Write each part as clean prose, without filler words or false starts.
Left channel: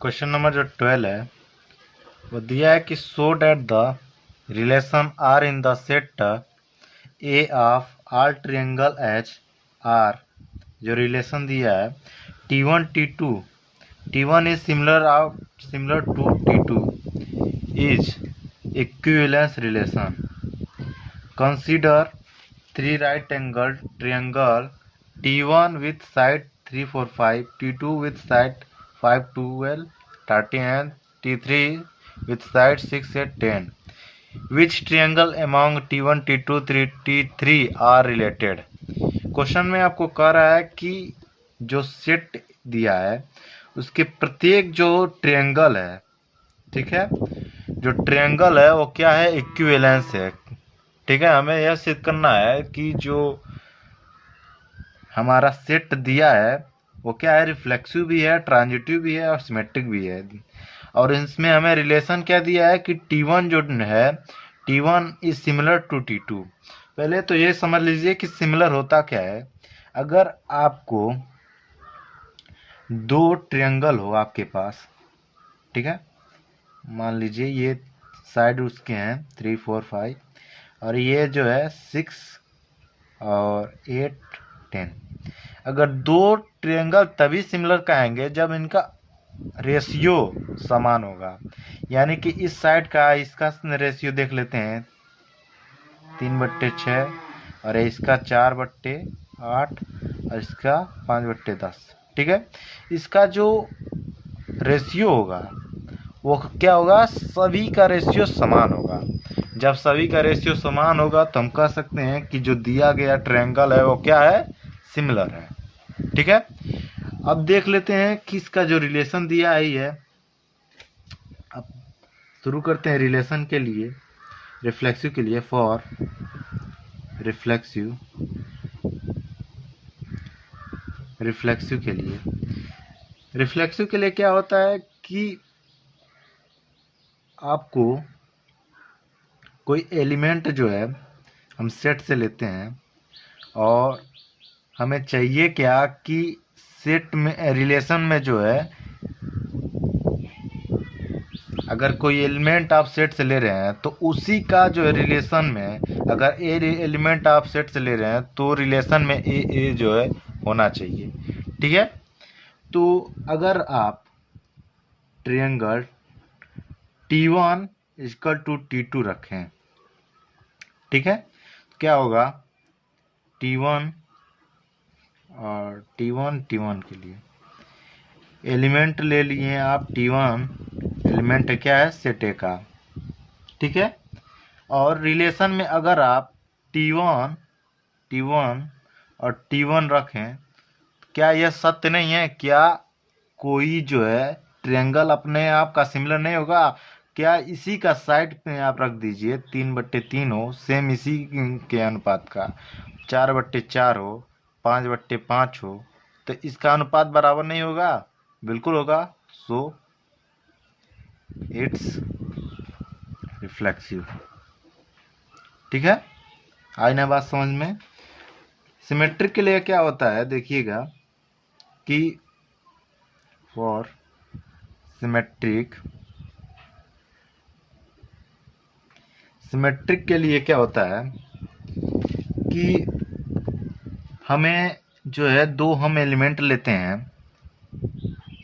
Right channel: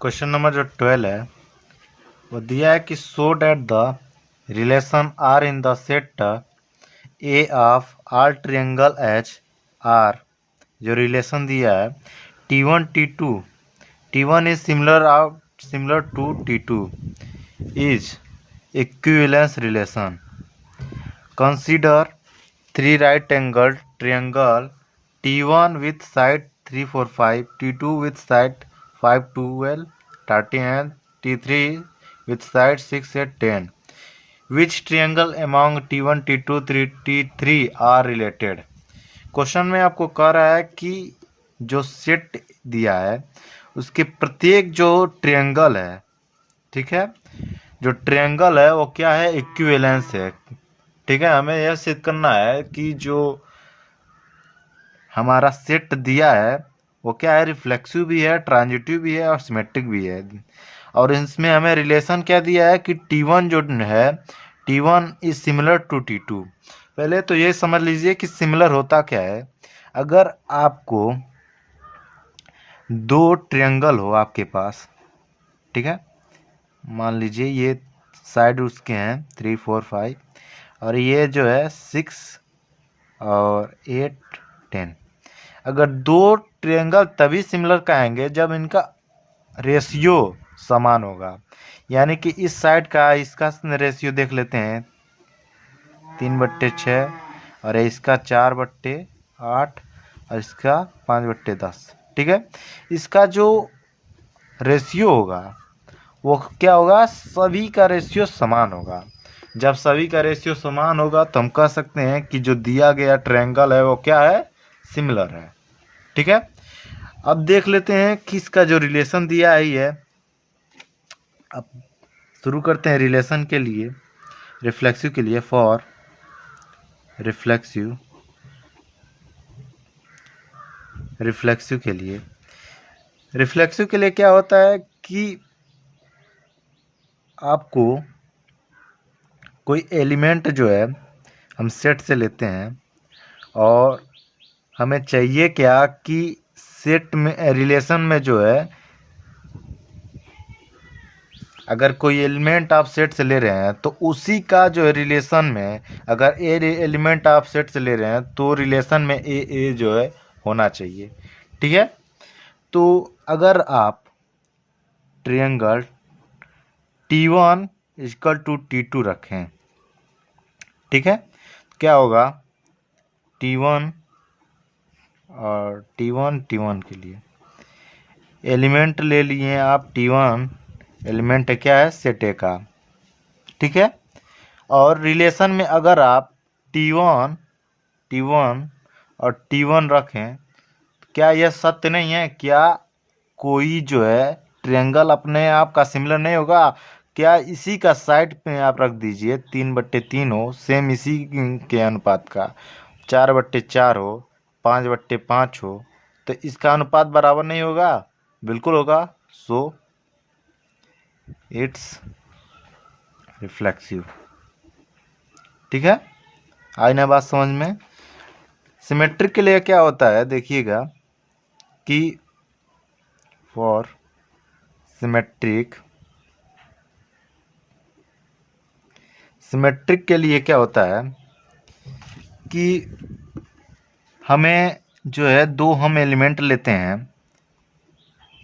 Question number जो 12 है वो दिया है कि show that the relation R in the set A of all triangle as R. जो रिलेशन दिया है T1 is similar to T2 is equivalence relation. Consider three right angled triangle T1 with side 3 4 5, T2 with side 5 12 13 and T3 with side 6 8 10. Which triangle among T1 T2 T3 are related? Question में आपको कह रहा है कि जो set दिया है उसके प्रत्येक जो ट्रायंगल है, ठीक है, जो ट्रायंगल है वो क्या है, इक्विवेलेंस है। ठीक है, हमें यह सिद्ध करना है कि जो हमारा सेट दिया है वो क्या है, रिफ्लेक्सिव भी है, ट्रांजिटिव भी है और सिमेट्रिक भी है। और इसमें हमें रिलेशन क्या दिया है कि T1 जो है T1 is similar to T2। पहले तो ये समझ लीजिए कि सिमिलर होता क्या है। अगर आपको दो ट्रायंगल हो आपके पास, ठीक है, मान लीजिए ये साइड उसके हैं 3 4 5 और ये जो है 6 और 8 10। अगर दो ट्रायंगल तभी सिमिलर कहेंगे जब इनका रेशियो समान होगा। यानी कि इस साइड का इसका रेशियो देख लेते हैं 3/6 और इसका 4/8 और इसका 5/10। ठीक है, इसका जो रेशियो होगा वो क्या होगा, सभी का रेशियो समान होगा। जब सभी का रेशियो समान होगा तो हम कह सकते हैं कि जो दिया गया ट्रायंगल है वो क्या है, सिमिलर है। ठीक है, अब देख लेते हैं कि इसका जो रिलेशन दिया है। अब शुरू करते हैं रिलेशन के लिए, रिफ्लेक्सिव के लिए। फॉर रिफ्लेक्सिव के लिए क्या होता है कि आपको कोई एलिमेंट जो है हम सेट से लेते हैं और हमें चाहिए क्या कि सेट में रिलेशन में जो है अगर कोई एलिमेंट आप सेट से ले रहे हैं तो उसी का जो है रिलेशन में, अगर ए एलिमेंट आप सेट से ले रहे हैं तो रिलेशन में ए जो है होना चाहिए। ठीक है, तो अगर आप triangle T1 equal to T2 रखें, ठीक है, क्या होगा, T1 और T1 के लिए एलिमेंट ले लिए आप T1, एलिमेंट क्या है, सेट ए का। ठीक है, और रिलेशन में अगर आप T1 और T1 रखें, क्या यह सत्य नहीं है, क्या कोई जो है ट्रायंगल अपने आप का सिमिलर नहीं होगा? क्या इसी का साइड पे आप रख दीजिए 3/3 हो, सेम इसी के अनुपात का, 4/4 हो, 5/5 हो, तो इसका अनुपात बराबर नहीं होगा? बिल्कुल होगा। So it's reflexive. ठीक है, आई ना बात समझ में। सिमेट्रिक के लिए क्या होता है, देखिएगा कि फॉर सिमेट्रिक के लिए क्या होता है कि हमें जो है दो हम एलिमेंट लेते हैं,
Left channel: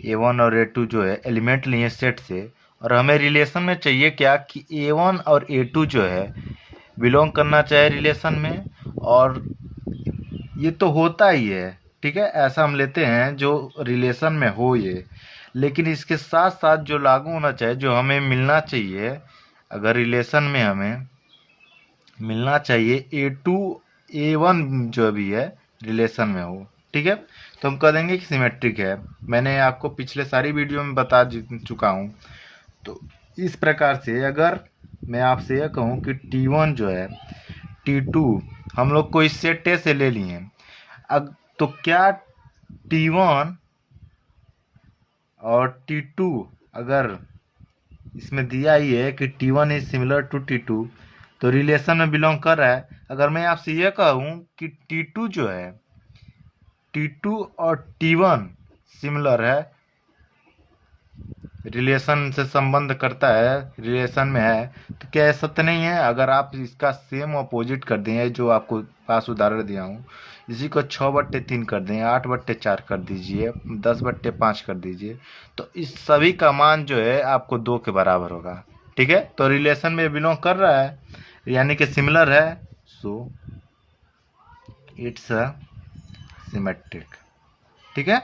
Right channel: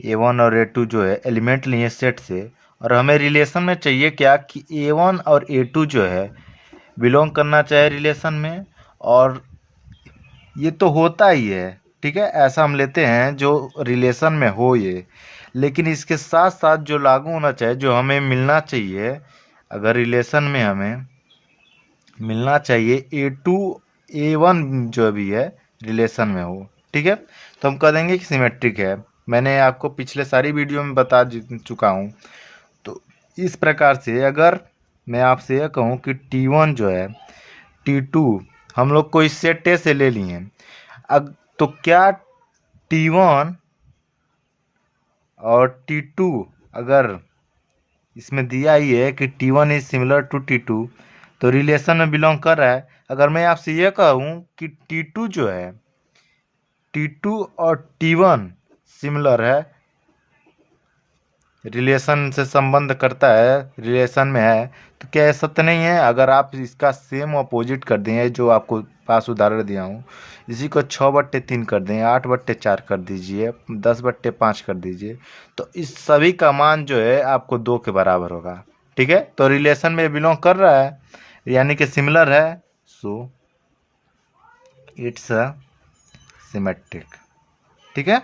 A1 और A2 जो है एलिमेंट लिए सेट से, और हमें रिलेशन में चाहिए क्या कि A1 और A2 जो है बिलोंग करना चाहिए रिलेशन में, और ये तो होता ही है। ठीक है, ऐसा हम लेते हैं जो रिलेशन में हो ये, लेकिन इसके साथ साथ जो लागू होना चाहिए, जो हमें मिलना चाहिए, अगर रिलेशन में हमें मिलना चाहिए A2 A1 जो भी है रिलेशन में हो, ठीक है, तो हम कह देंगे कि सिमेट्रिक है। मैंने आपको पिछले सारी वीडियो में बता चुका हूँ। तो इस प्रकार से अगर मैं आपसे यह कहूँ कि T1 जो है T2 हम लोग को इस सेट ए से ले लिए, अब तो क्या T1 और T2 अगर इसमें दिया ही है कि T1 is similar to T2 तो रिलेशन में बिलोंग कर रहा है। अगर मैं आपसे यह कहूँ कि T2 जो है T2 और T1 सिमिलर है, रिलेशन से संबंध करता है, रिलेशन में है, तो क्या ऐसा तो नहीं है? अगर आप इसका सेम अपोजिट कर दें, जो आपको पास उदाहरण दिया हूँ, इसी को 6/3 कर दें, 8/4 कर दीजिए, 10/5 कर दीजिए, तो इस सभी का मान जो है आपको 2 के बराबर होगा। ठीक है, तो रिलेशन में बिलोंग कर रहा है, यानी कि सिमिलर है, सो इट्स अ सिमेट्रिक। ठीक है,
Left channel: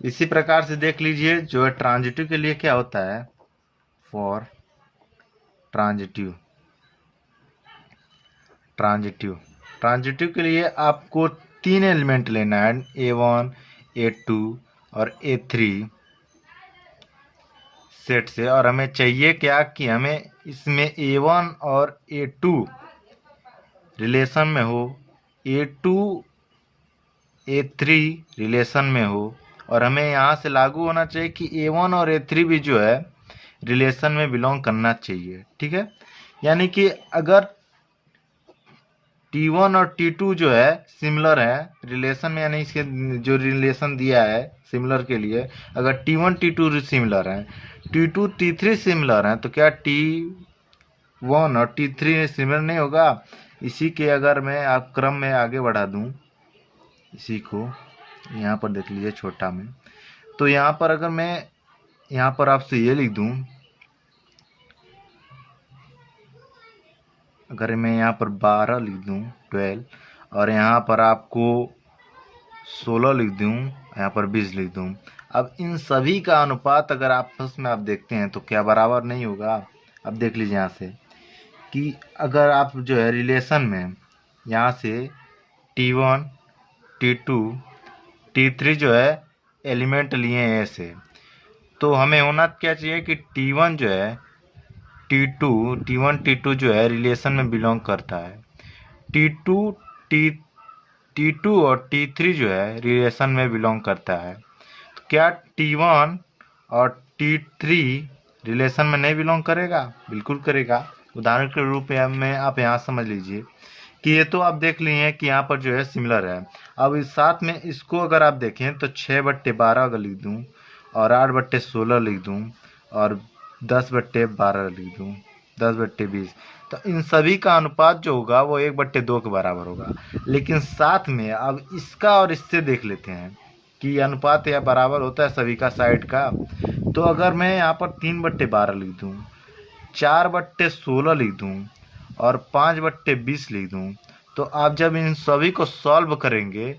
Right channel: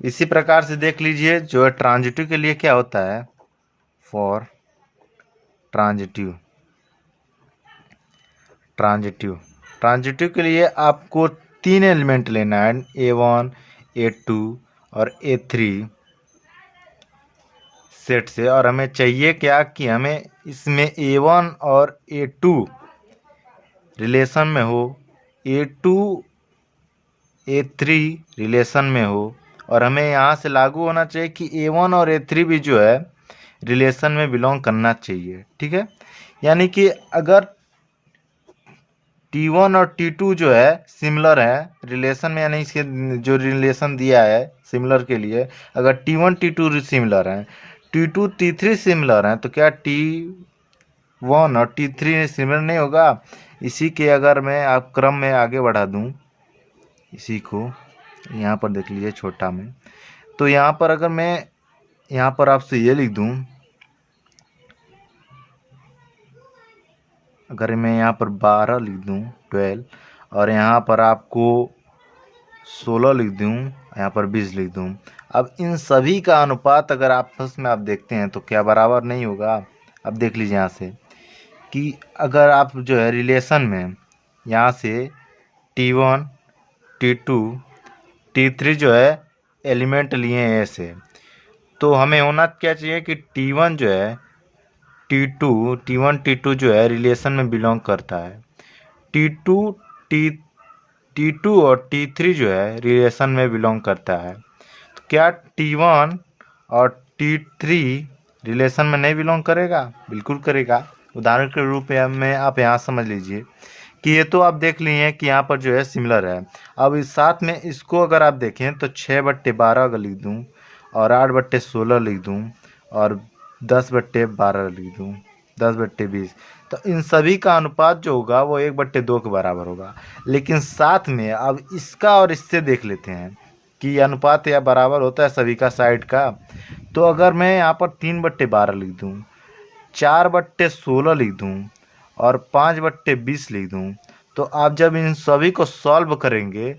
इसी प्रकार से देख लीजिए जो है ट्रांजिटिव के लिए क्या होता है। फॉर ट्रांजिटिव ट्रांजिटिव ट्रांजिटिव के लिए आपको 3 एलिमेंट लेना है, A1, A2 और A3 सेट से, और हमें चाहिए क्या कि हमें इसमें A1 और A2 रिलेशन में हो, A2 A3 रिलेशन में हो, और हमें यहाँ से लागू होना चाहिए कि A1 और A3 भी जो है रिलेशन में बिलोंग करना चाहिए। ठीक है, यानी कि अगर T1 और T2 जो है सिमिलर है रिलेशन में, यानी इसके जो रिलेशन दिया है सिमिलर के लिए, अगर T1 T2 सिमिलर हैं, T2 T3 सिमिलर हैं, तो क्या T1 और T3 सिमिलर नहीं होगा? इसी के अगर मैं आप क्रम में आगे बढ़ा दूं, इसी को यहाँ पर देख लीजिए छोटा में, तो यहाँ पर अगर मैं यहाँ पर आपसे ये लिख दूं, अगर मैं यहाँ पर 12 लिख दूं, 12, और यहाँ पर आपको 16 लिख दूं, यहाँ पर 20 लिख दूं, अब इन सभी का अनुपात अगर आपस में आप देखते हैं तो क्या बराबर नहीं होगा? अब देख लीजिए यहाँ से कि अगर आप जो है रिलेशन में यहाँ से T1 T2 T3 जो है एलिमेंट लिए हैं ऐसे, तो हमें होना क्या चाहिए कि T1 जो है T1 T2 जो है रिलेशन में बिलोंग करता है, T2 T2 और T3 जो है रिलेशन में बिलोंग करता है, तो क्या T1 और T3 रिलेशन में नहीं बिलोंग करेगा? बिल्कुल करेगा। उदाहरण के रूप में आप यहाँ समझ लीजिए कि ये तो आप देख लिए कि यहाँ पर जो है सिमिलर है। अब इस साथ में इसको अगर आप देखें तो 6/12 अगर लिख दूँ, और 8/16 लिख दूँ, और 10/12 लिख दूँ, 10/20, तो इन सभी का अनुपात जो होगा वो 1/2 के बराबर होगा। लेकिन साथ में अब इसका और इससे देख लेते हैं कि अनुपात या बराबर होता है सभी का साइड का। तो अगर मैं यहाँ पर 3/12 लिख दूँ, 4/16 लिख दूँ, और 5/20 लिख दूँ, तो आप जब इन सभी को सॉल्व करेंगे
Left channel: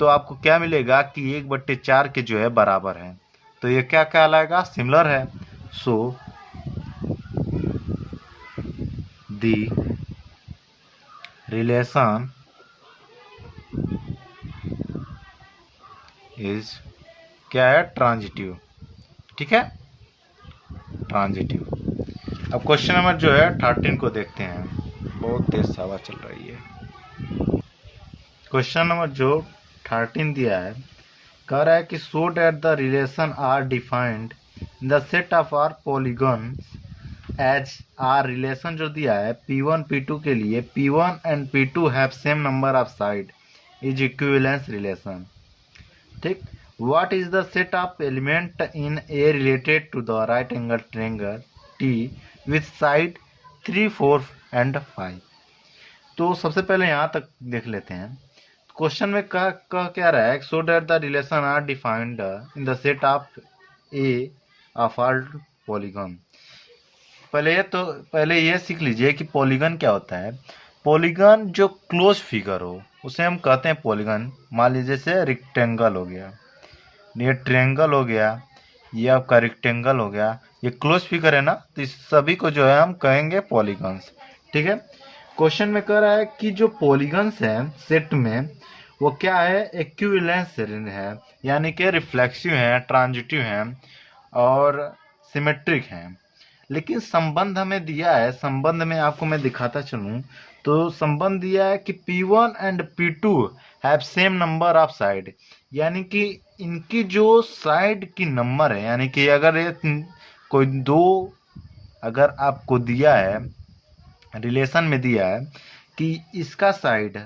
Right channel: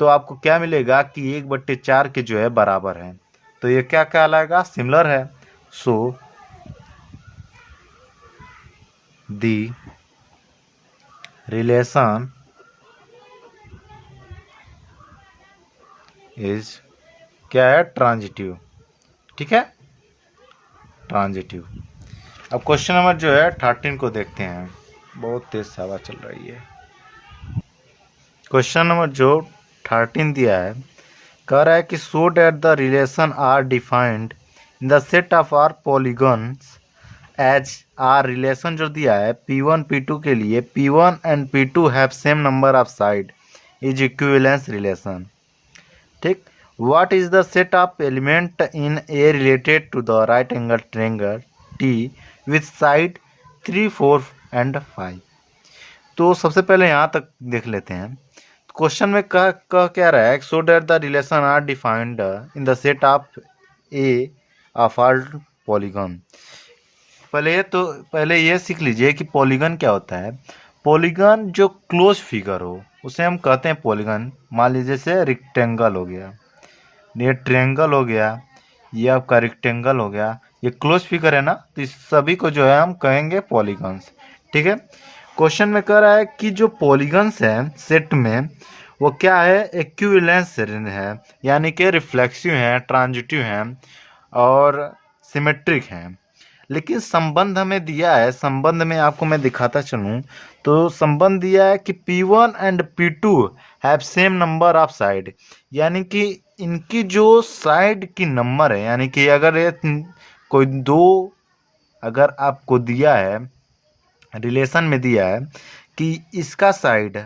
तो आपको क्या मिलेगा कि 1/4 के जो है बराबर है, तो ये क्या कहलाएगा? सिमिलर है। सो दी रिलेशन इज क्या है? ट्रांजिटिव। ठीक है, ट्रांजिटिव। अब क्वेश्चन नंबर जो है 13 को देखते हैं, बहुत तेज हवा चल रही है। क्वेश्चन नंबर जो 13 दिया है, कह रहा है कि show that the relation are defined in the set of R polygons as R. Relation जो दिया है P1 P2 के लिए, P1 and P2 have same number of side is equivalence relation. ठीक, what is the set of element in A related to the right angle triangle T with side 3, 4 and 5। तो सबसे पहले यहाँ तक देख लेते हैं। क्वेश्चन में कह क्या रहा है, so that the relation are defined in the set of A of all polygon. पहले ये सीख लीजिए कि पॉलीगन क्या होता है। पॉलीगन जो क्लोज फिगर हो उसे हम कहते हैं पॉलीगन। मान लीजिए जैसे रेक्टेंगल हो गया, ये ट्रायंगल हो गया, ये आपका रेक्टेंगल हो गया, ये क्लोज फिगर है ना, तो इस सभी को जो है हम कहेंगे पॉलीगन्स। ठीक है, क्वेश्चन में कह रहा है कि जो पॉलीगन्स हैं सेट में वो क्या है? इक्विवेलेंस है, यानी कि रिफ्लेक्सिव हैं, ट्रांजिटिव हैं और सिमेट्रिक हैं। लेकिन संबंध हमें दिया है, संबंध में आपको मैं दिखाता चलूँ तो संबंध दिया है कि P1 and P2 have same number of side, यानी कि इनकी जो साइड की नंबर है, यानी कि अगर ये कोई दो अगर आपको दिया है रिलेशन में दिया है कि इसका साइड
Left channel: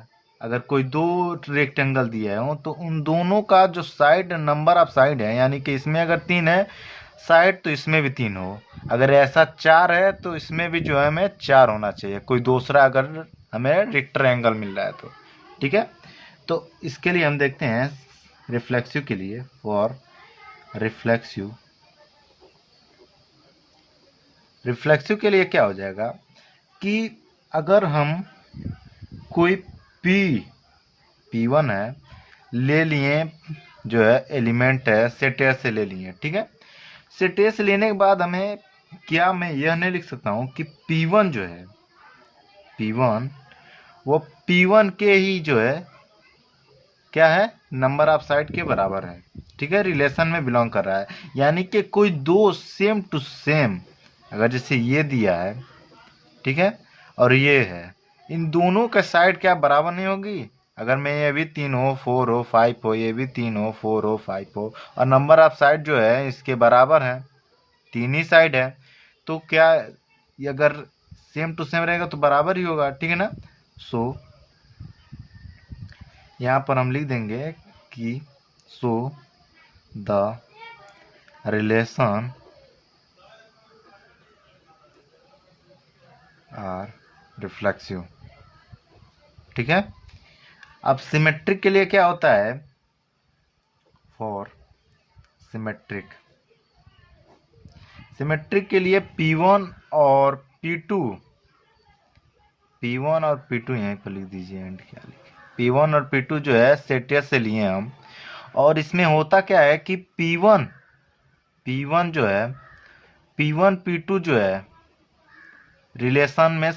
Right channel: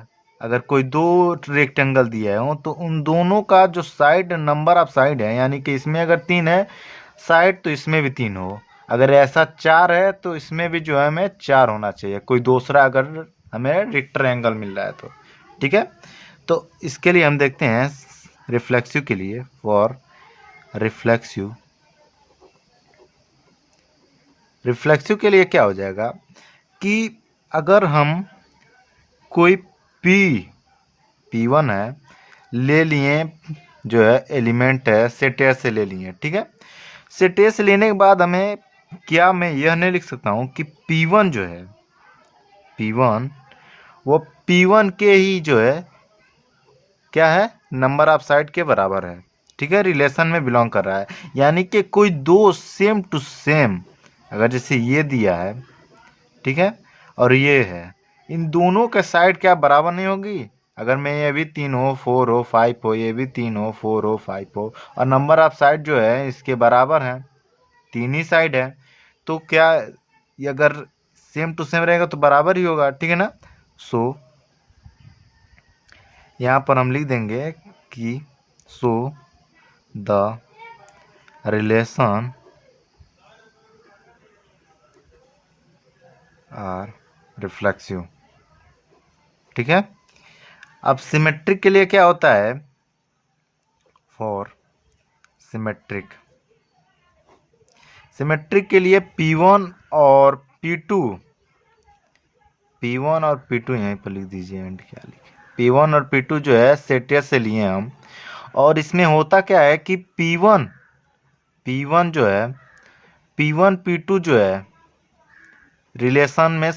अगर कोई दो रेक्टेंगल दिया हो तो उन दोनों का जो साइड नंबर ऑफ साइड है, यानी कि इसमें अगर 3 है साइड तो इसमें भी 3 हो, अगर ऐसा 4 है तो इसमें भी जो है हमें 4 होना चाहिए, कोई दूसरा अगर हमें रेक्टेंगल मिल रहा है तो। ठीक है, तो इसके लिए हम देखते हैं रिफ्लेक्सिव के लिए, फॉर रिफ्लेक्सिव के लिए क्या हो जाएगा कि अगर हम कोई P1 है ले लिए, जो है एलिमेंट है सेट ए से ले लिए, ठीक है। सेट ए से लेने के बाद हमें क्या, मैं यह नहीं लिख सकता हूँ कि P1 जो है P1 वो P1 के ही जो है क्या है नंबर ऑफ साइड के बराबर है, ठीक है, रिलेशन में बिलोंग कर रहा है। यानी कि कोई दो सेम टू सेम, अगर जैसे ये दिया है, ठीक है, और ये है, इन दोनों के साइड क्या बराबर नहीं होगी। अगर मैं ये भी 3 हो 4 हो 5 हो, ये भी 3 हो 4 हो 5 हो, और नंबर ऑफ साइड जो है इसके बराबर है, 3 ही साइड है, तो क्या ये अगर सेम टू सेम रहेगा तो बराबर ही होगा, ठीक है ना। सो यहाँ पर हम लिख देंगे कि so the relation R reflexive, ठीक है। अब सिमेट्रिक के लिए क्या होता है, फॉर सिमेट्रिक के लिए P1 और P2 यहीं पर लिख दीजिए, क्या लिखे, P1 और P2 जो है सेट ए से लिए हम, और इसमें होता क्या है कि P1 जो है P1 P2 जो है रिलेशन में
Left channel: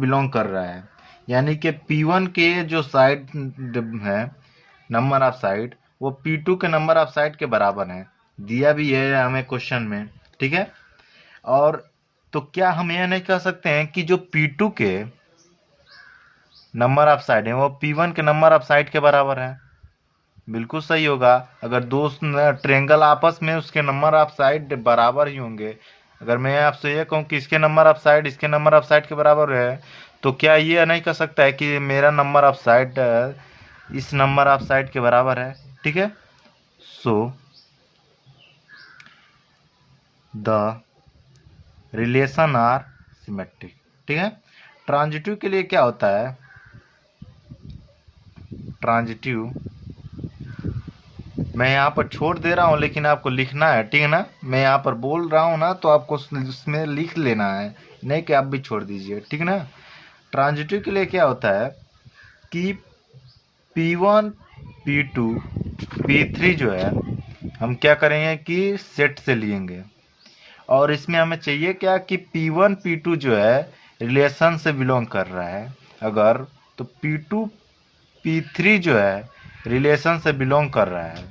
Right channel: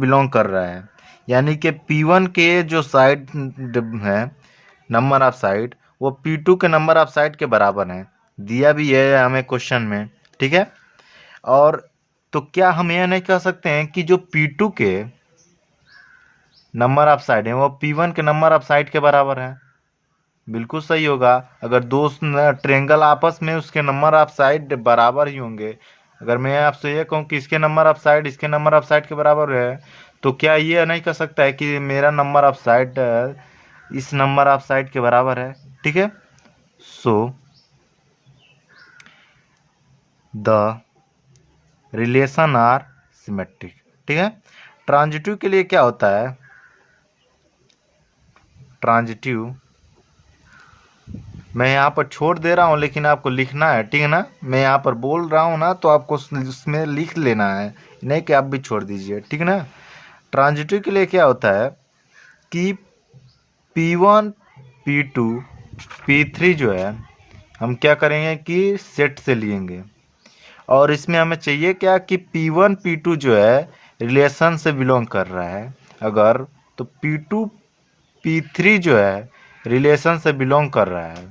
बिलोंग कर रहा है, यानी कि P1 के जो साइड है नंबर ऑफ साइड वो P2 के नंबर ऑफ साइड के बराबर है, दिया भी है हमें क्वेश्चन में, ठीक है। और तो क्या हम यह नहीं कह सकते हैं कि जो P2 के नंबर ऑफ साइड है वो P1 के नंबर ऑफ साइड के बराबर है। बिल्कुल सही होगा, अगर दो ट्रेंगल आपस में उसके नंबर ऑफ साइड बराबर ही होंगे। अगर मैं आपसे ये कहूँ कि इसके नंबर ऑफ साइड इसके नंबर ऑफ साइड के बराबर है, तो क्या ये नहीं कह सकता है कि मेरा नंबर ऑफ साइड इस नंबर ऑफ साइड के बराबर है, ठीक है। So the relation R symmetric, ठीक है। ट्रांजिटिव के लिए क्या होता है, ट्रांजिटिव मैं यहाँ पर छोड़ दे रहा हूँ लेकिन आपको लिखना है, ठीक है ना। मैं यहाँ पर बोल रहा हूँ ना, तो आपको उसमें लिख लेना है, नहीं कि आप भी छोड़ दीजिए, ठीक है ना। ट्रांजिटिव के लिए क्या होता है कि P1 P2 P3 जो है हम क्या करेंगे कि सेट से लेंगे, और इसमें हमें चाहिए क्या कि P1 P2 जो है रिलेशन से बिलोंग कर रहा है अगर, तो P2 P3 जो है रिलेशन से बिलोंग कर रहा है,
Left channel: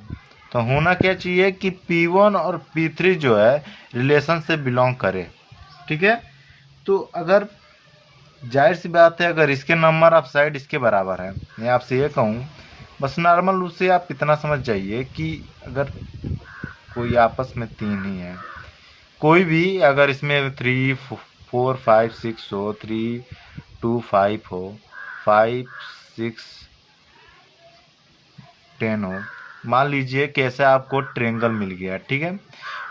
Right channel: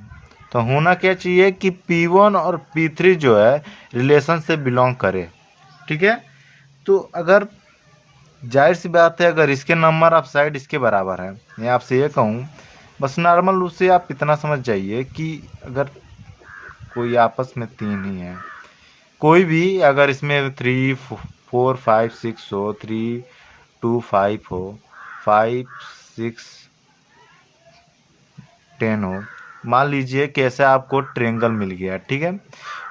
तो होना क्या चाहिए कि P1 और P3 जो है रिलेशन से बिलोंग करे, ठीक है। तो अगर जाहिर सी बात है अगर इसके नंबर ऑफ साइड इसके बराबर है, मैं आपसे ये कहूँ, बस नॉर्मल रूप से आप इतना समझ जाइए कि अगर कोई आपस में 3 ही है, कोई भी अगर इसमें 3 4 5 6 हो, 3 2 5 हो, 5 6 10 हो, मान लीजिए कैसे आपको ट्रेंगल मिल गया, ठीक है।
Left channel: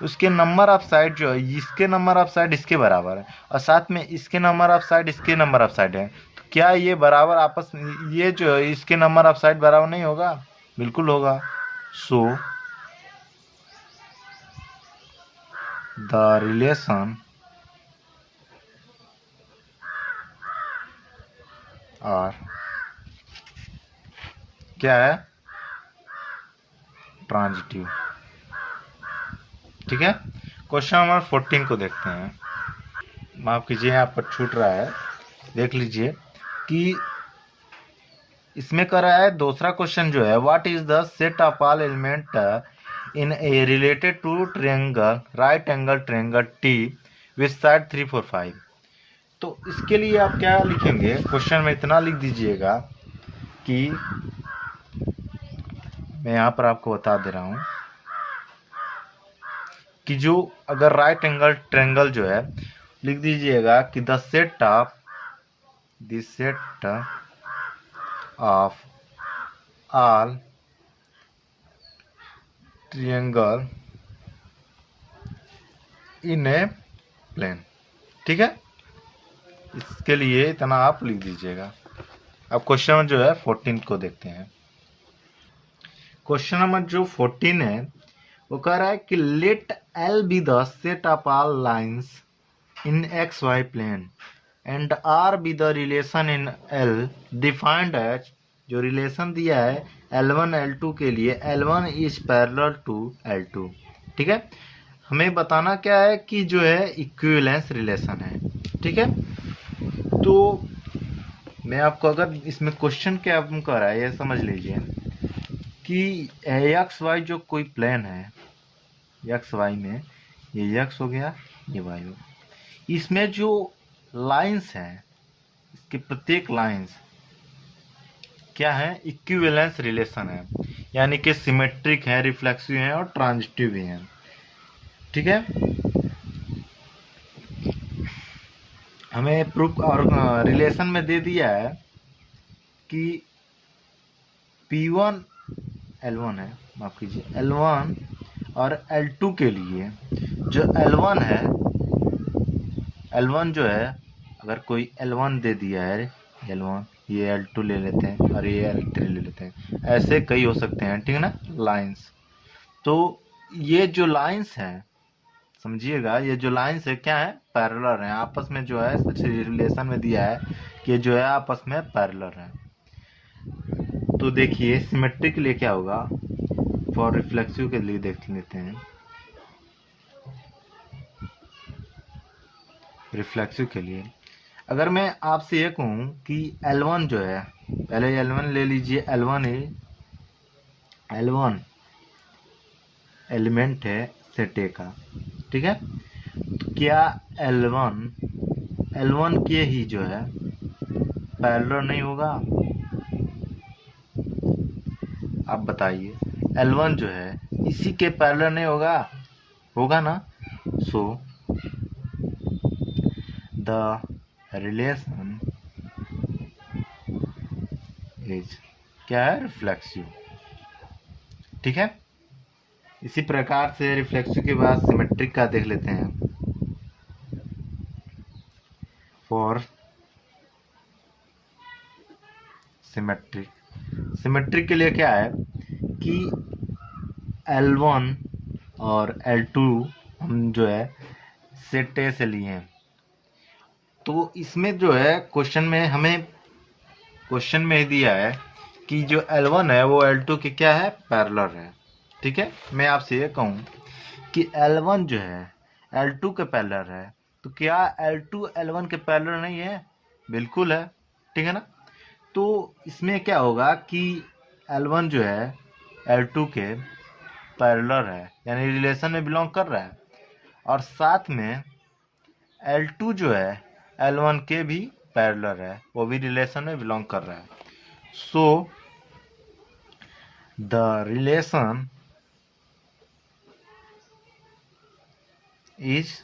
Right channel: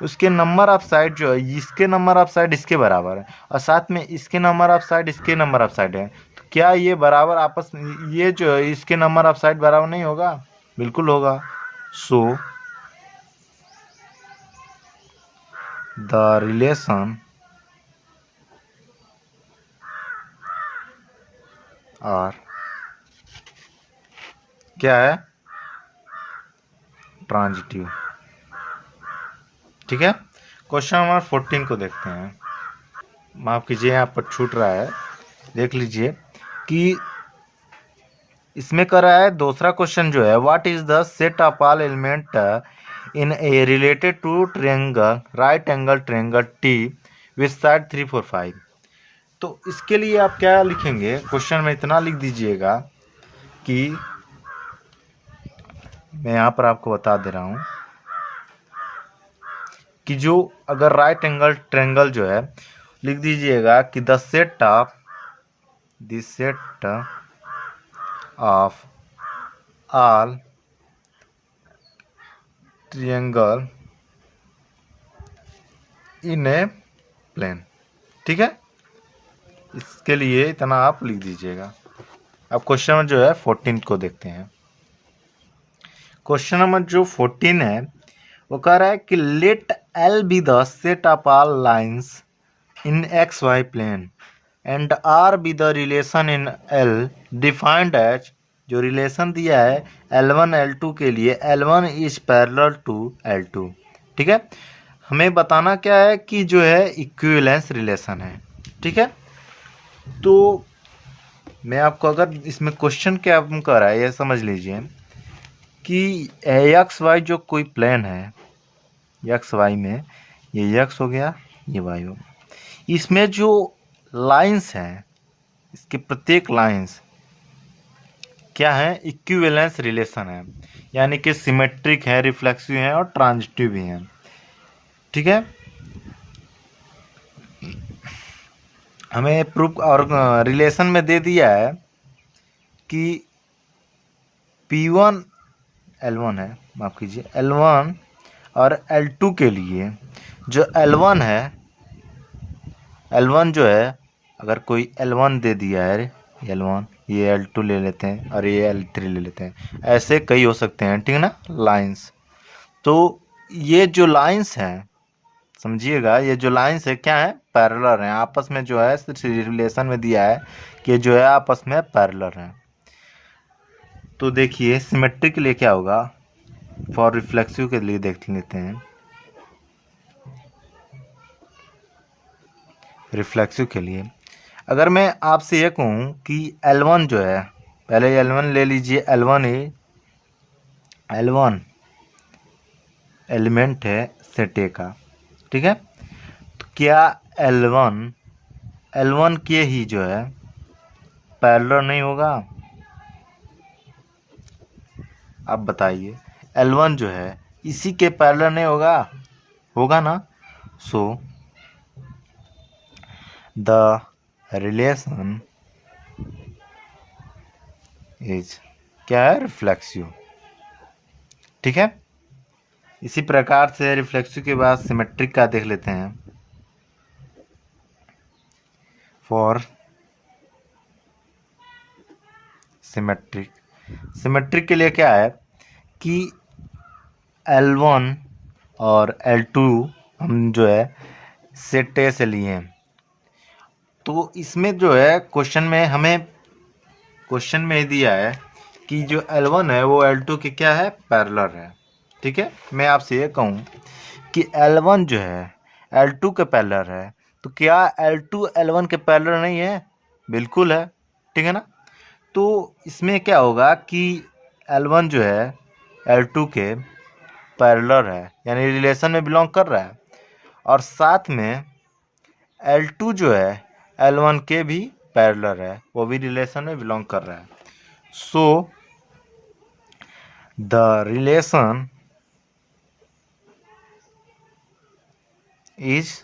उसके नंबर ऑफ साइड जो है इसके नंबर ऑफ साइड इसके बराबर है, और साथ में इसके नंबर ऑफ साइड इसके नंबर ऑफ साइड है, तो क्या ये बराबर आपस में, ये जो है इसके नंबर ऑफ साइड बराबर नहीं होगा, बिल्कुल होगा। सो द रिलेशन आर क्या है, ट्रांजिटिव, ठीक है। क्वेश्चन नंबर 14 को देखते हैं, माफ कीजिए यहाँ पर छूट रहा है, देख लीजिए कि इसमें कर रहा है दूसरा क्वेश्चन जो है, what is the set of all element in A related to triangle right angle triangle T with side 3 4 5। तो इसके लिए आप क्या लिखेंगे, क्वेश्चन में इतना लिख दीजिएगा कि मैं यहाँ पर आपको बता दे रहा हूँ कि जो अगर राइट एंगल ट्रायंगल जो है, लिख दीजिएगा कि the set of all triangle in a plane. ठीक है, इसके लिए इतना आप लिख दीजिएगा। अब क्वेश्चन नंबर जो है 14 को देखते हैं। क्वेश्चन नंबर जो 14 है वो कह रहा है कि let L be the set of all lines in X Y plane and R be the relation in L defined as, जो रिलेशन दिया है L1 L2 के लिए, L1 is parallel to L2। ठीक है, हमें बताना क्या है कि जो है इक्विवेलेंस रिलेशन है। ठीक है, तो मैं आपको अगर इसमें क्वेश्चन क्या कर रहा है ये समझ लीजिए कि एक्स वाई जो कोई प्लेन है, एक्स वाई में ये एक्स हो गया, ये वाई हो गया, इसमें जो लाइंस हैं, इसके प्रत्येक लाइंस क्या है, इक्विवेलेंस रिलेशन है, यानी कि सिमेट्रिक है, रिफ्लेक्सिव है और ट्रांजिटिव भी है। ठीक है, हमें प्रूफ और रिलेशन में दे दिया है कि P1 L1 है, माफ कीजिए L1 और L2 के लिए जो L1 है, L1 जो है अगर कोई L1 दे दिया है, L1, ये L2 ले लेते हैं और ये L3 ले लेते हैं, ऐसे कई हो सकते हैं। ठीक है ना, लाइंस। तो ये जो लाइंस हैं, समझिएगा, ये जो लाइंस है क्या है, पैरेलल हैं आपस में, जो है रिलेशन में दिया है कि जो है आपस में पैरेलल हैं। तो देखिए सिमेट्री के लिए क्या होगा, फॉर रिफ्लेक्सिव के लिए देख लेते हैं। रिफ्लेक्सिव के लिए अगर मैं आपसे ये कहूँ कि L1 जो है, पहले L1 ले लीजिए, L1 एलिमेंट है सेट ए का। ठीक है, तो क्या L1 के ही जो है पैरेलल नहीं होगा? आप बताइए, L1 जो है इसी के पैरेलल नहीं होगा? होगा ना। सो द रिलेशन इज क्या है, रिफ्लेक्सिव। ठीक है, इसी प्रकार से रिफ्लेक्सिव के बाद सिमेट्रिक का देख लेते हैं। फॉर सिमेट्रिक के लिए क्या है कि L1 और L2 हम जो है सेट ए से लिए हैं। तो इसमें जो है क्वेश्चन में दिया है कि जो L1 है वो L2 के क्या है, पैरेलल है। ठीक है, मैं आपसे ये कहूँ कि L1 जो है L2 के पैरेलल है, तो क्या L2 L1 के पैरेलल नहीं है? बिल्कुल है। ठीक है ना, तो इसमें क्या होगा कि L1 जो है L2 के पैरेलल है, यानी रिलेशन में बिलोंग कर रहा है, और साथ में L2 जो है L1 के भी पैरेलल है, वो भी रिलेशन में बिलोंग कर रहा है। सो द रिलेशन इज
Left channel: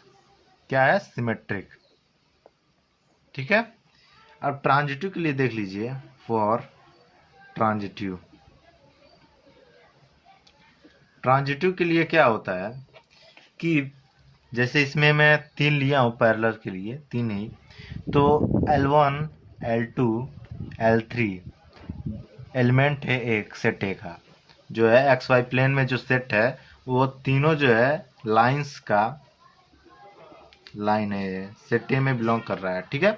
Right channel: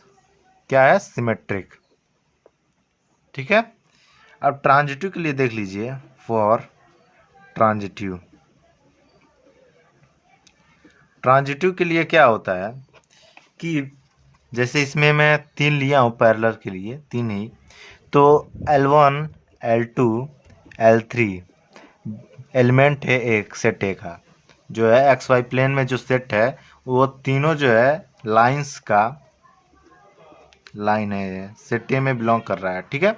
क्या है, सिमेट्रिक। ठीक है, अब ट्रांजिटिव के लिए देख लीजिए। फॉर ट्रांजिटिव के लिए क्या होता है कि जैसे इसमें मैं 3 लिया हूँ पैरेलल के लिए, 3 ही, तो L1 L2 L3 एलिमेंट है एक सेट ए का, जो है एक्स वाई प्लेन में जो सेट है वो तीनों जो है लाइन है, सेट ए में बिलोंग कर रहा है। ठीक है,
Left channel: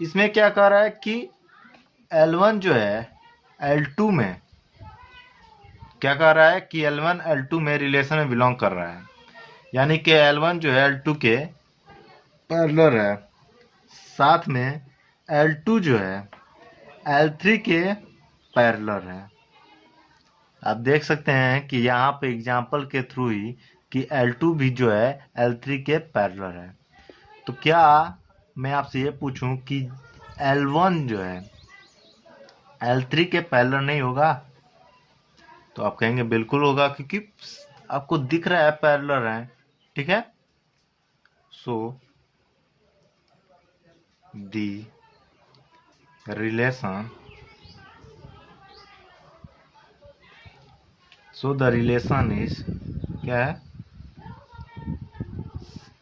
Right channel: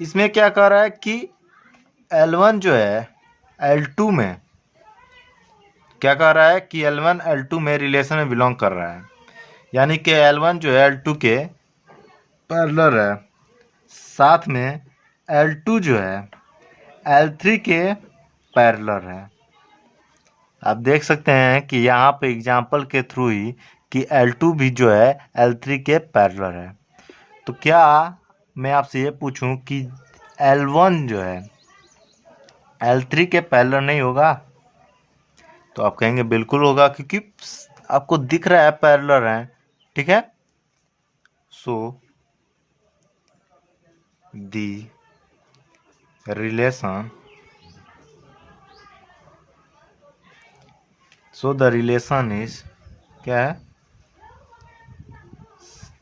इसमें क्या कर रहा है कि L1 जो है L2 में क्या कर रहा है कि L1 L2 में रिलेशन में बिलोंग कर रहा है, यानी कि L1 जो है L2 के पैरेलल है, साथ में L2 जो है L3 के पैरेलल है। आप देख सकते हैं कि यहाँ पे एग्जाम्पल के थ्रू ही कि L2 भी जो है L3 के पैरेलल है। तो क्या मैं आपसे ये पूछूं कि L1 जो है L3 के पैरेलल नहीं होगा? तो आप कहेंगे बिल्कुल होगा, क्योंकि आपको दिख रहा है पैरेलल है। ठीक है, so the relation so the relation is क्या है,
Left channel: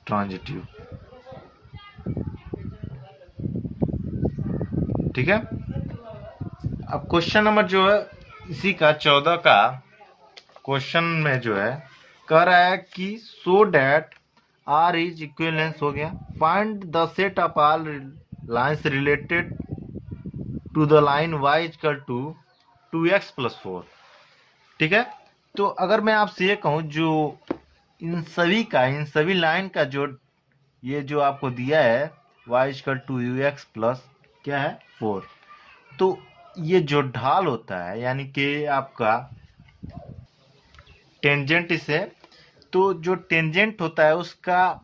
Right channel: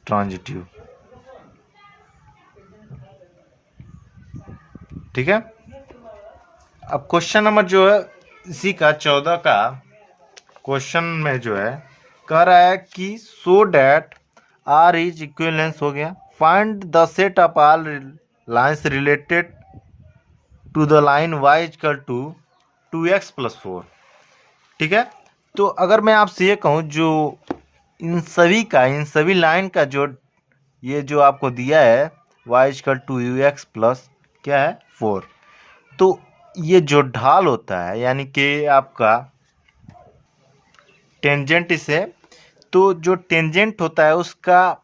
ट्रांजिटिव। ठीक है। अब क्वेश्चन नंबर जो है इसी का 14 का क्वेश्चन में जो है कह रहा है कि so that R is equivalence हो गया, find the set of all lines related to the line y equal to 2x + 4। ठीक है। तो अगर मैं आपसे ये कहूँ जो इन सभी लाइन का जो ये जो आपको दिया है y equal to ux plus क्या है 4, तो ये जो ढाल होता है यानी कि आपका टेंजेंट इसे, तो जो टेंजेंट होता है उसका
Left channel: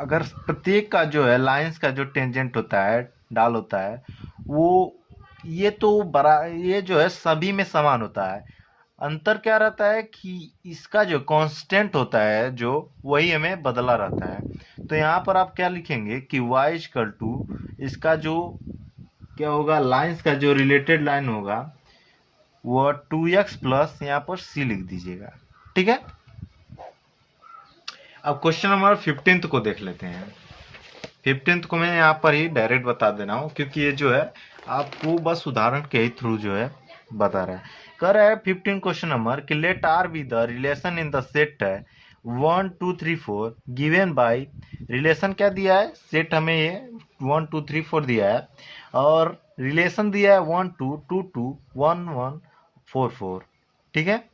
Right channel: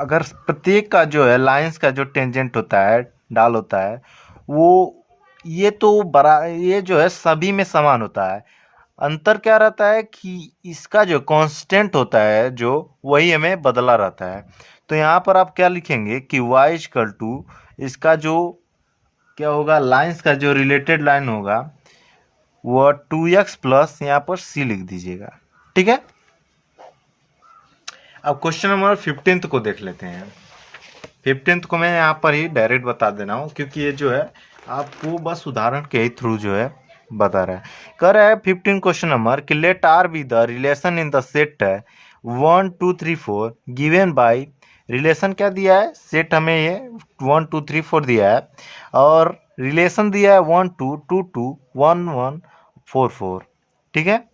अगर प्रत्येक का जो है लाइंस का जो टेंजेंट होता है, ढाल होता है, वो ये तो ये जो है सभी में समान होता है। अंतर क्या रहता है कि इसका जो कांस्टेंट होता है जो वही हमें बदला रहता है। तो यहाँ पर आप क्या लिखेंगे कि y इक्वल टू इसका जो क्या होगा, लाइंस का जो रिलेटेड लाइन होगा वो 2x प्लस यहाँ पर c लिख दीजिएगा। ठीक है। अब क्वेश्चन नंबर 15 को देख लेते हैं। 15 को मैं यहाँ पर ही डायरेक्ट बता दे रहा हूँ क्योंकि ये जो है आपको बस उदाहरण के ही थ्रू जो है बता रहा है। कह रहा है 15 क्वेश्चन नंबर कि let R be the relation in the set 1 2 3 4 given by, relation क्या दिया है, सेट हमें ये 1 2 3 4 दिया है और रिलेशन दिया है 1 2 2 2 1 1 4 4। ठीक है।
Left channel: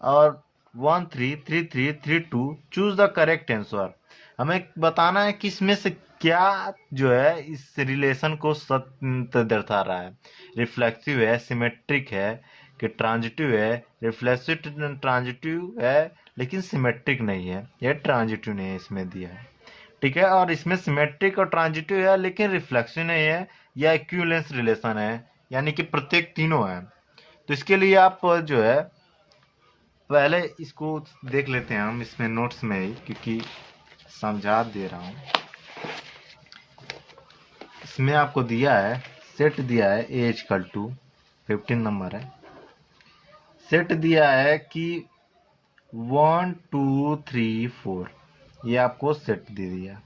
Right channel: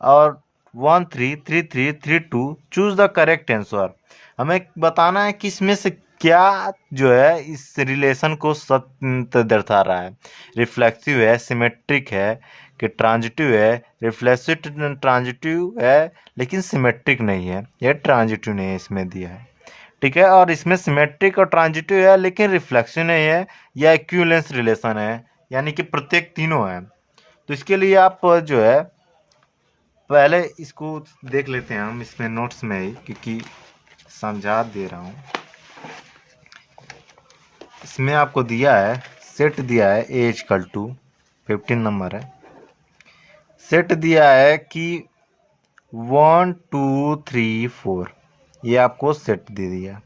और 1 3 3 3 3 2, चूज द करेक्ट आंसर। हमें बताना है कि इसमें से क्या जो है इस रिलेशन को सत्य दर्शा रहा है। रिफ्लेक्सिव है, सिमेट्रिक है कि ट्रांजिटिव है, रिफ्लेक्सिव ट्रांजिटिव है लेकिन सिमेट्रिक नहीं है, यह ट्रांजिटिव नहीं है इसमें दिया है। ठीक है। और इसमें सिमेट्रिक और ट्रांजिटिव है लेकिन रिफ्लेक्सिव नहीं है, या इक्विवेलेंस रिलेशन है यानी कि प्रत्येक तीनों है। तो इसके लिए आप जो है पहले इसको देख लेते हैं हम इसमें नोट्स में ही, क्योंकि समझा दे रहा हूँ। इसमें आपको दिया है सेट दिया है ए इक्वल टू 15 नंबर है, सेट दिया है कि 1 2 3 4, ये आपको सेट दे दिया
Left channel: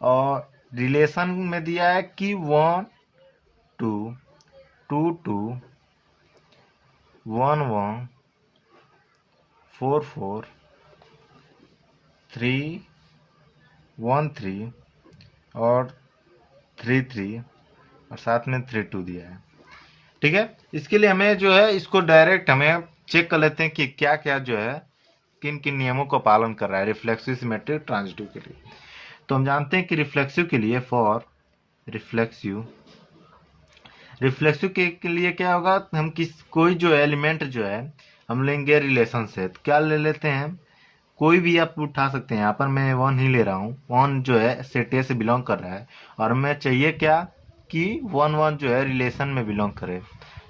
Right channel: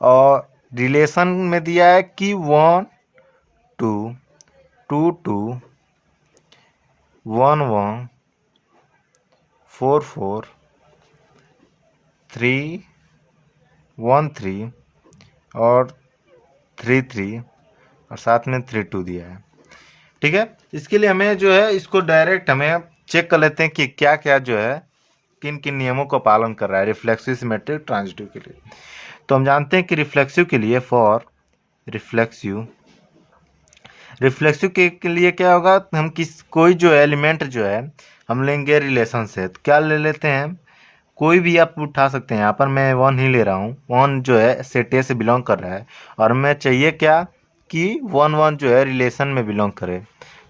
और रिलेशन में दिया है कि 1 2 2 2 1 1 4 4 3 1 3 और 3 3 और साथ में 3 2 दिया है। ठीक है। इसके लिए हमें जो है इसको डायरेक्ट हमें चेक कर लेते हैं कि क्या क्या जो है किन किन नियमों का पालन कर रहा है रिफ्लेक्सिव, सिमेट्रिक, ट्रांजिटिव के लिए। तो हम जानते हैं कि रिफ्लेक्सिव के लिए फॉर रिफ्लेक्सिव के लिए क्या होगा, हम कोई जो एलिमेंट जो है हम लेंगे रिलेशन से। तो क्या ले लेते हैं, कोई भी आप उठा सकते हैं। यहाँ पर मैं 1 ही ले रहा हूँ, 1 जो है सेट ए से बिलोंग कर रहा है और मैं चाहिए क्या कि 1 1 जो है रिलेशन में बिलोंग करे।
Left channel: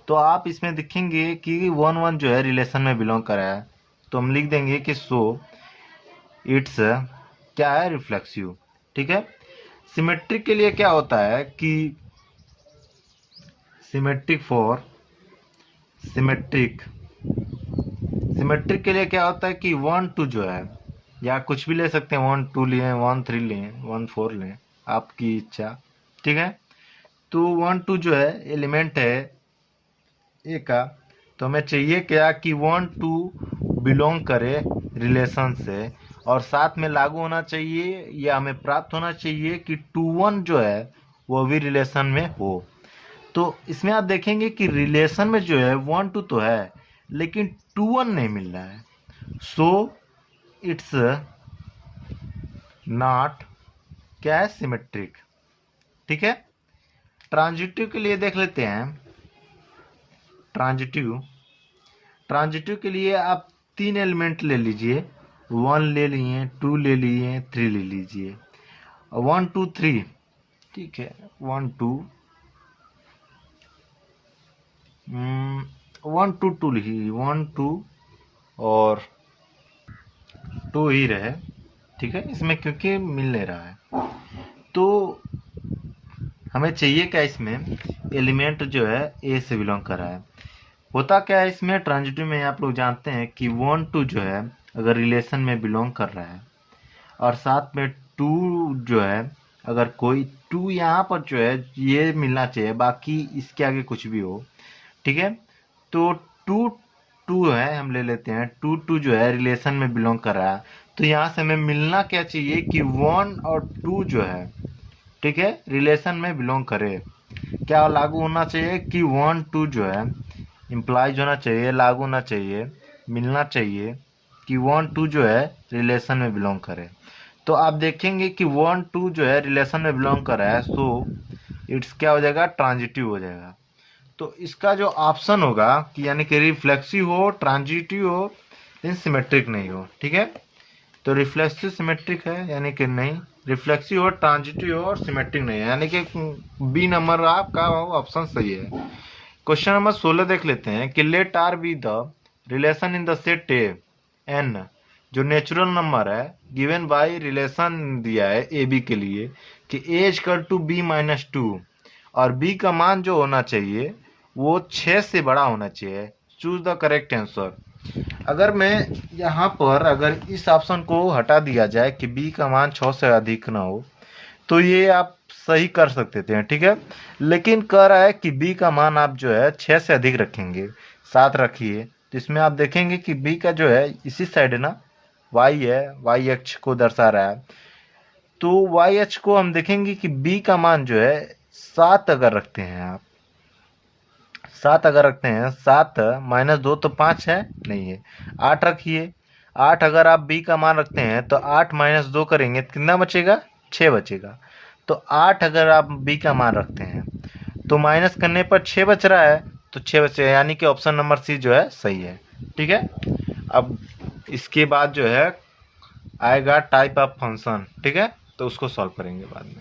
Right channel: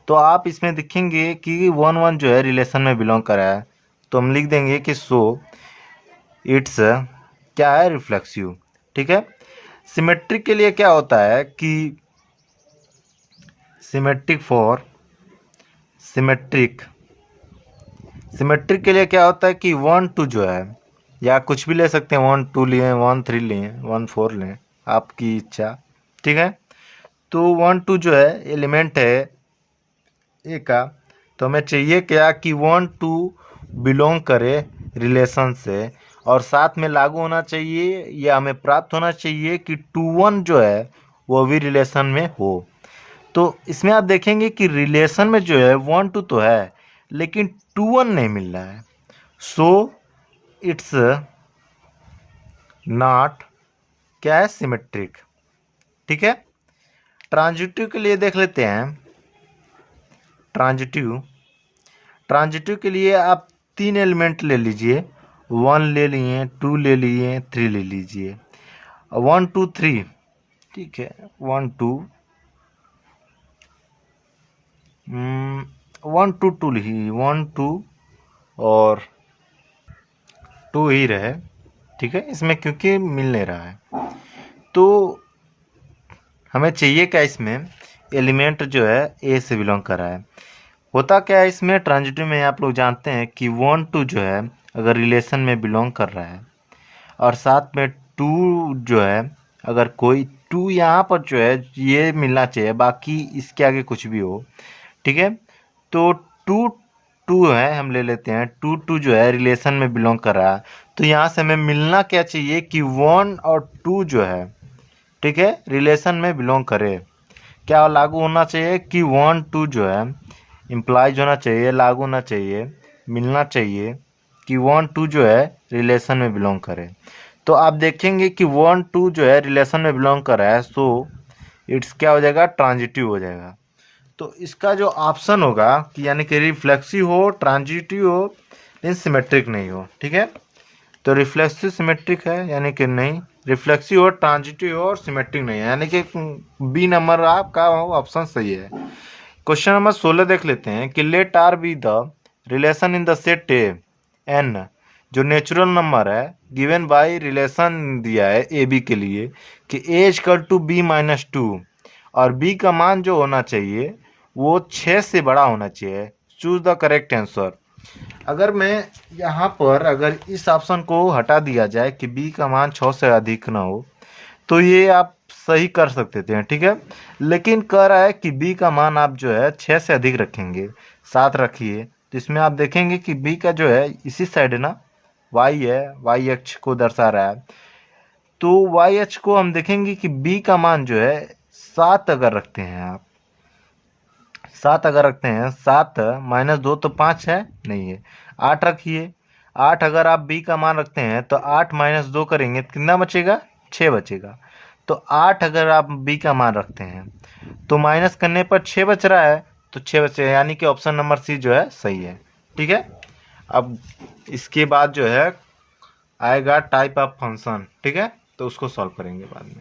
तो आप इसमें देखेंगे कि 1 1 जो है रिलेशन में बिलोंग कर रहा है, तो हम लिख देंगे कि सो इट्स क्या है, रिफ्लेक्सिव। ठीक है। सिमेट्रिक के लिए क्या होता है कि सिमेट्रिक के लिए क्या होता है कि 1 2 जो है, या कुछ भी ले सकते हैं, 1 2 लें, 1 3 लें, 1 4 लें, आपकी इच्छा। ठीक है। तो 1 2 जो है एलिमेंट है ए का, तो हमें चाहिए क्या कि 1 2 बिलोंग करे रिलेशन से और साथ में लागू होना चाहिए या हमें प्राप्त होना चाहिए कि 2 1 जो है वो भी रिलेशन में हो। तो इसमें आप देखेंगे कि रिलेशन में जो है 1 2 तो है लेकिन 2 1 नहीं मिल रहा है, सो इट्स नॉट क्या है, सिमेट्रिक। ठीक है। ट्रांजिटिव के लिए देख लेते हैं। ट्रांजिटिव के लिए आप 3 एलिमेंट ले लीजिए, 1 ले लिए, 2 ले लिए, 3 ले लीजिए, 1 2 3। ठीक है। 1 2 1 2 2 ही 1 2 और 2 ही रहे। ठीक है। इसमें क्योंकि मिल नहीं रहा है, तो हमें चाहिए क्या, इसमें एलिमेंट जो है ए से बिलोंग कर रहा है। होता क्या है इसमें, ट्रांजिटिव में आप लोग जानते हैं कि 1 2 जो है अगर रिलेशन में बिलोंग कर रहा है और साथ में 2 जो है, अगर कोई 2 यहाँ पर जो है ये मिलना चाहिए, बाकी इसके आगे कुछ भी हो, ठीक है। तो 2 2 है, हम ले लेते हैं 2 2 जो है रिलेशन में बिलोंग कर रहा है, तो यहाँ से हमें मिलना क्या चाहिए कि 1 और 2 जो है, ठीक है, रिलेशन में बिलोंग करे। क्या लागू होना चाहिए कि 1 2 जो है इम्प्लाइज होना चाहिए, लागू होना चाहिए, मिलना चाहिए कि 1 2 जो है रिलेशन में बिलोंग करे। तो आप देखेंगे कि 1 2 जो है रिलेशन में बिलोंग कर रहा है, सो इट्स क्या हो जाएगा, ट्रांजिटिव हो जाएगा। तो इसका जो ऑप्शन होगा कि यानी कि रिफ्लेक्सिव हो, ट्रांजिटिव हो, लेकिन सिमेट्रिक नहीं हो, ठीक है। तो रिफ्लेक्सिव सिमेट्रिक है यानी कि नहीं, रिफ्लेक्सिव हो, ट्रांजिटिव हो और सिमेट्रिक नहीं है, यानी कि बी नंबर आपका ऑप्शन सही है। क्वेश्चन नंबर 16 देख लेते हैं कि let R be the relation in the set A N, जो नेचुरल नंबर है गिवन बाय रिलेशन दिया है ए बी के लिए कि A equal to B minus 2 और बी का मान जो होना चाहिए वो 6 से बड़ा होना चाहिए। Choose the correct answer. अगर मैं यहाँ पर अगर इस ऑप्शन को हटा दिया जाए कि बी का मान 6 से अधिक ना हो, तो ये आप सही कर सकते थे, ठीक है। लेकिन कह रहा है कि बी का मान आप जो है 6 से अधिक रखेंगे, 7 रखिए। तो इसमें आप देखेंगे कि बी का जो है इसी साइड है ना, वाई है, वाई अक्ष को दर्शा रहा है। तो वाई अक्ष को हम देखेंगे कि बी का मान जो है 7 अगर रखते हैं आप, 7 अगर रखते हैं, 7 माइनस 2 तो 5 है, नहीं है, 8 रखिए। 8 अगर आप बी का मान रखते हैं तो 8 माइनस 2 करेंगे तो कितना बचेगा, 6 बचेगा। तो 8 अगर आप बी का मान रखते हैं तो माइनस करने पर 6 बच रहा है, तो 6 बचे, यानी कि ऑप्शन नंबर सी जो है सही है, ठीक है। अब इसके बाद जो है आएगा टाइप ऑफ फंक्शन, ठीक है, तो उसको सॉल्व करेंगे बाद में।